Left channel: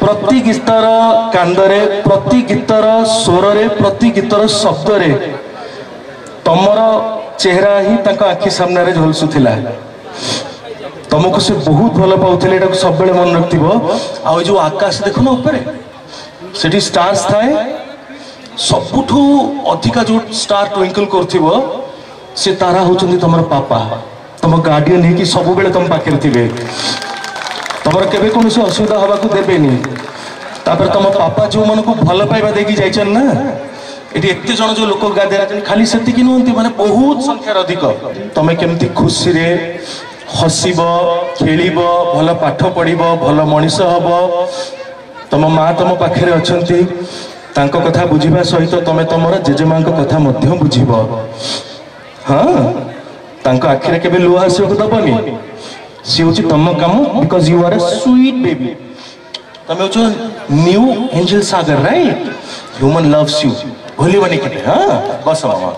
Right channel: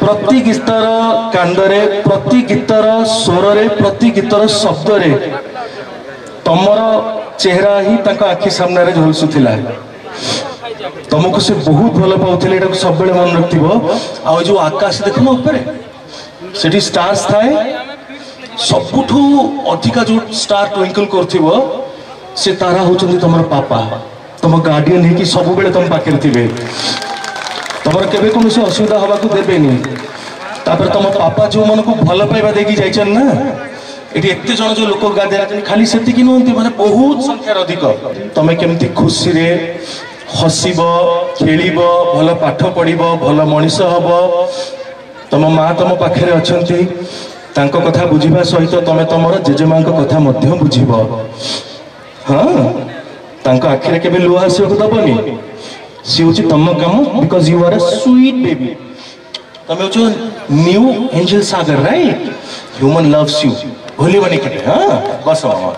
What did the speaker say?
प्रति गीतर कांदरे प्रति गीतर स्वर रे प्रति गीतर शब्द रे तमर चेहरा ही तांका आखि सामने रे झलसुथिला तुमको से बहुत भल पाउथिले एटा सब बेले मन रखथिबो आ जो आकाश देखो ना ऊपर सेठी स्टार्स थाए सबुठू अधिका जो स्टार ट्विंकल करथिबो से तारा होचंदी तमर पापा तुम गार्डियन है कि सब बेले तुम पाखे थे तुम केबे कोनो से असुविधा हवा को देबेनी तापर तुम पापा जो मन को भल पाइबा देकी जाइछन ना एटी एते जण जो लोक गादे खाली सेति कि नहंती माने बहुत संख्या अधिक तमे केमती खुशी रे हसीबो खेलिबो भल पाठ पढिबो भल मनीष हबो तुम माँ तुम पाखे अछंती तांको कथा बुझिबा सहित तमे तमर जेजेमां को कथा मध्य बुझिबो हाँ तांको आखिरे केबे लुह आसी को दबनी सी होची तम काम because you are a sweet baby तमे होचो new angel Sagar right human loves you भूलिबनी केते हाँ बस मामा।